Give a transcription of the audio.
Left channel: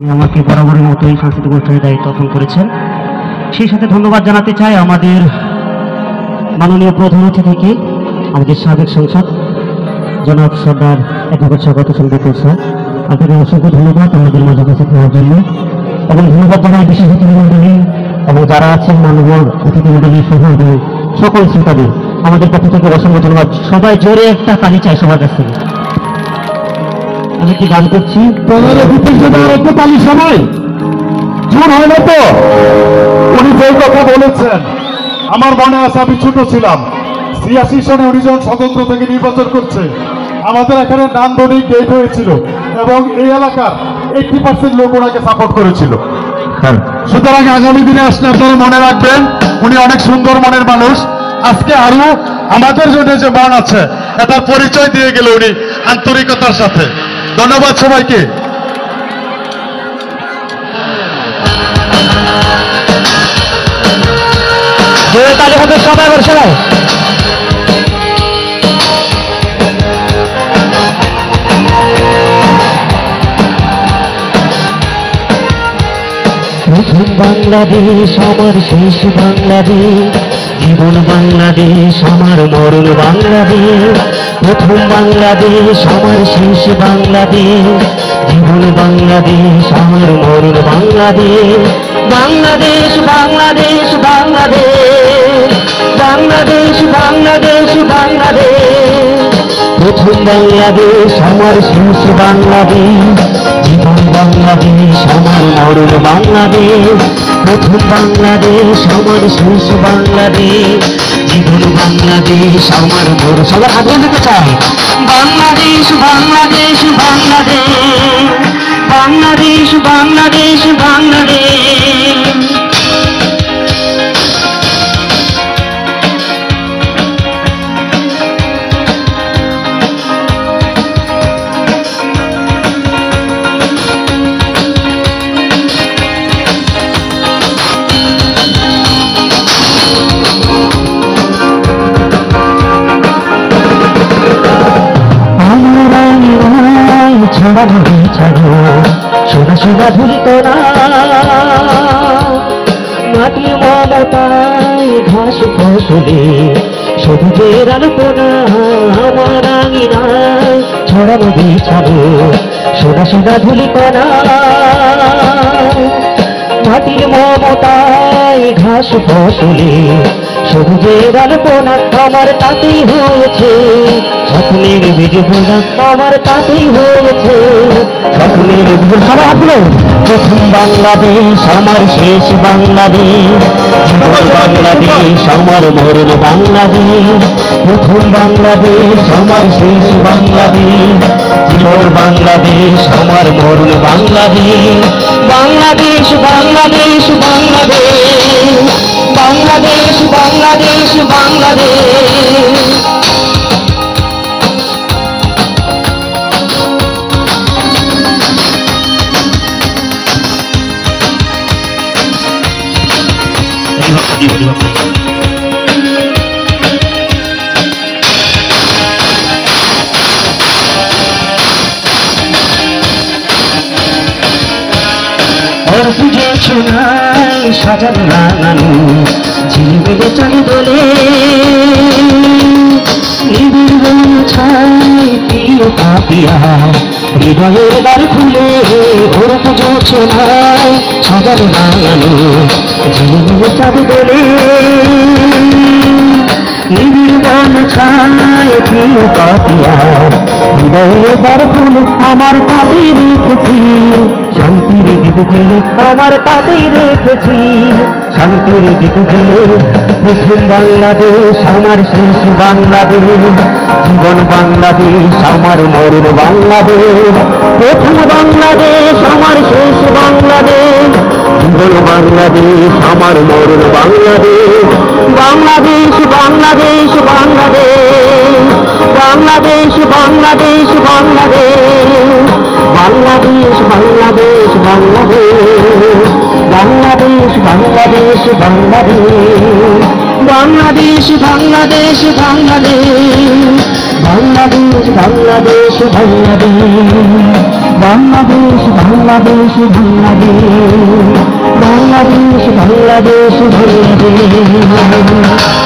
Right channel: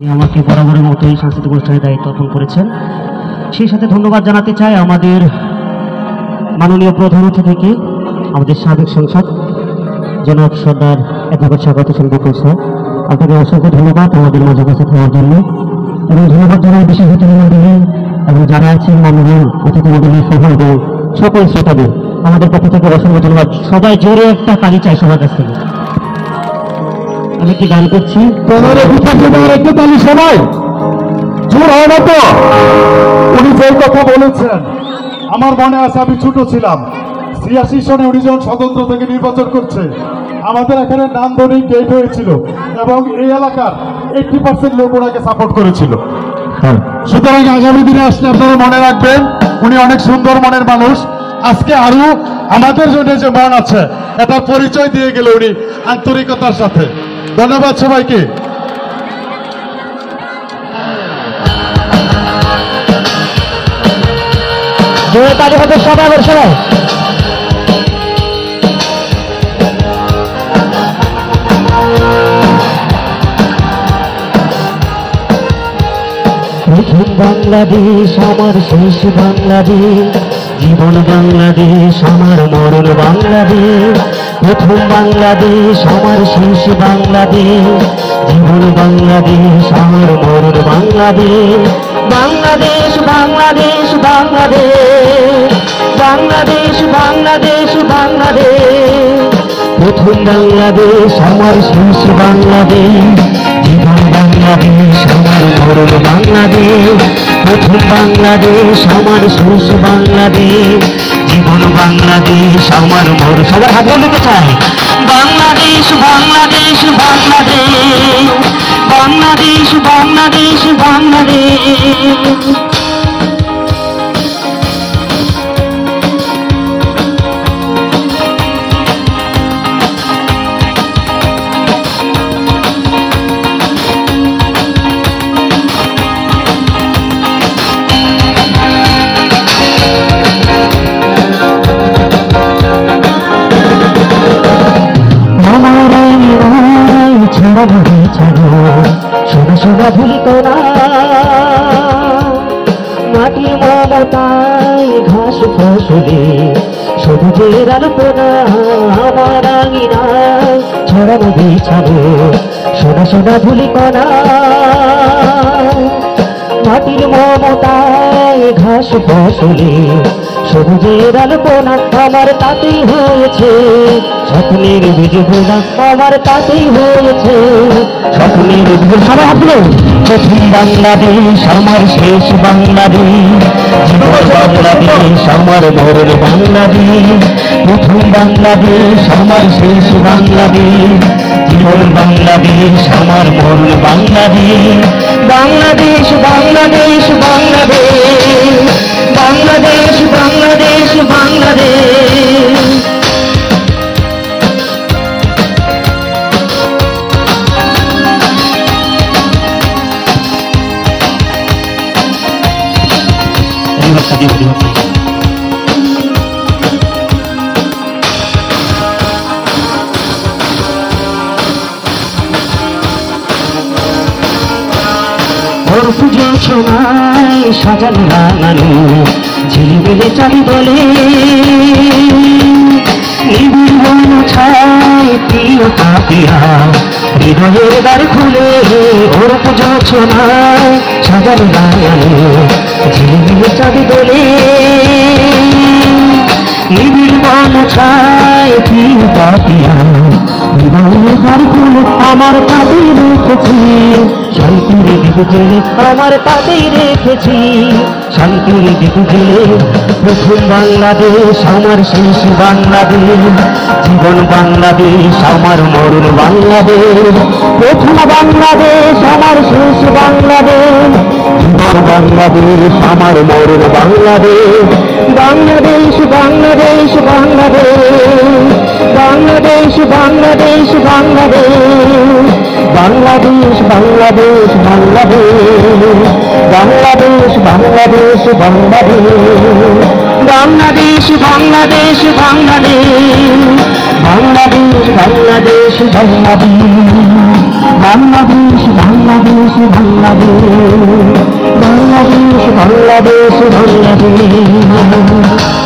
আমাকে বরাবরের মতোই সাংস্কৃতিক অনুষ্ঠানের দায়িত্ব অর্পণ করেছেন। সেই সাথে ধন্যবাদ জানাতে চাই আমাদের মাননীয় প্রধান অতিথি থেকে আমাদের সাবেক সংসদ জনাব সর্দার অ্যাডভোকেট স্বাগত হোসেন বিপুল স্যার, আপনাকে অসংখ্য ধন্যবাদ আমাদের মাঝে কাছে থাকার জন্য, এবং ধন্যবাদ জানাই বিশেষ অতিথি মন্ডলী এবং যারা আছেন মাননীয় অতিথি মন্ডলী সহ এবং সকল শ্রোতাদের আমাদের পক্ষ থেকে অসংখ্য ধন্যবাদ। সবাই জোরে একটা তালি চাই সবার কাছ থেকে। আমি কি গান করছি? একটু তালি শোনাই জোর হয়ে মতো। উনি যেই কথা বলেছেন আমার মনে আছে, আমি ছোট ছিলাম, ৮৬ সনে উনি যখন স্বতন্ত্র থেকে নির্বাচন করছে, আমাদের এখানে নান্দনিক গেট হয়েছিল এবং এই এলাকার 80% লোক ওনাকে সাপোর্ট করেছিল। সুতরাং আগামী দিনে আসলে আপনারা মনে রাখবেন উনি অনেক সুন্দর মনের মানুষ। আজকে আরো আমাদের জন্য যে মন আছে এটা পরিচয় দিয়ে গেল উনি আন্তরিকতার সাথে। ধন্যবাদ সবাইকে। সবাই প্রথম বাংলাদেশ আমার শেষ বাংলাদেশ, জীবন বাংলাদেশ আমার মরণ বাংলাদেশ। প্রথম বাংলাদেশ আমার শেষ বাংলাদেশ, জীবন বাংলাদেশ আমার মরণ বাংলাদেশ। বাংলাদেশ বাংলাদেশ বাংলাদেশ, বাংলাদেশ বাংলাদেশ বাংলাদেশ। প্রথম বাংলাদেশ আমার শেষ বাংলাদেশ, জীবন বাংলাদেশ আমার মরণ বাংলাদেশ। প্রথম বাংলাদেশ আমার শেষ বাংলাদেশ, জীবন বাংলাদেশ আমার মরণ। সবার হাত বলতে চাই বাংলাদেশ বাংলাদেশ বাংলাদেশ, বাংলাদেশ বাংলাদেশ বাংলাদেশ। সোনা সোনা ভুলিত না মাটি মমতায় ঘাস ফসলে সবুজের আলোপনা আমার আঙিনায় ছড়ানো বিছানো। সোনা সোনা ভুলিত না মাটির মমতায় ঘাস ফসলে সবুজের আলোপনা আমার তাতেই হয়েছে স্বপ্নের বিজয়। আমার তাতেই হয়েছে স্বপ্নের বিজয়। প্রথম বাংলাদেশ আমার শেষ বাংলাদেশ, জীবন বাংলাদেশ আমার মরণ বাংলাদেশ। প্রথম বাংলাদেশ আমার শেষ বাংলাদেশ, জীবন বাংলাদেশ আমার মরণ বাংলাদেশ। বাংলাদেশ বাংলাদেশ বাংলাদেশ, বাংলাদেশ বাংলাদেশ বাংলাদেশ। পুজো ছোনায় সাজানো রাঙানো ঝিলমিলে চলে বলে নিবিড় মন ছায় প্রিয় কাপিয়া হৃদয়ের দ্বার খুলে। ওর পুজো ছোনায় সাজানো রাঙানো ঝিলমিলে চলে বলে নিবিড় মন ছায় প্রিয় কাপিয়া হৃদয়ের দ্বার খুলে। আমার তাতে রেখেছি শান্তির দীপ জেলে, আমার তাতেই রেখেছি শান্তির দীপ জেলে। প্রথম বাংলাদেশ আমার শেষ বাংলাদেশ, জীবন বাংলাদেশ আমার মরণ বাংলাদেশ। প্রথম বাংলাদেশ আমার শেষ বাংলাদেশ, জীবন বাংলাদেশ আমার মরণ বাংলাদেশ। বাংলাদেশ বাংলাদেশ বাংলাদেশ, বাংলাদেশ বাংলাদেশ বাংলাদেশ। বাংলাদেশ বাংলাদেশ বাংলাদেশ, বাংলাদেশ বাংলাদেশ বাংলাদেশ। বাংলাদেশ বাংলাদেশ বাংলাদেশ, বাংলাদেশ বাংলাদেশ বাংলাদেশ। বাংলাদেশ বাংলাদেশ বাংলাদেশ বাংলাদেশ বাংলাদেশ বাংলাদেশ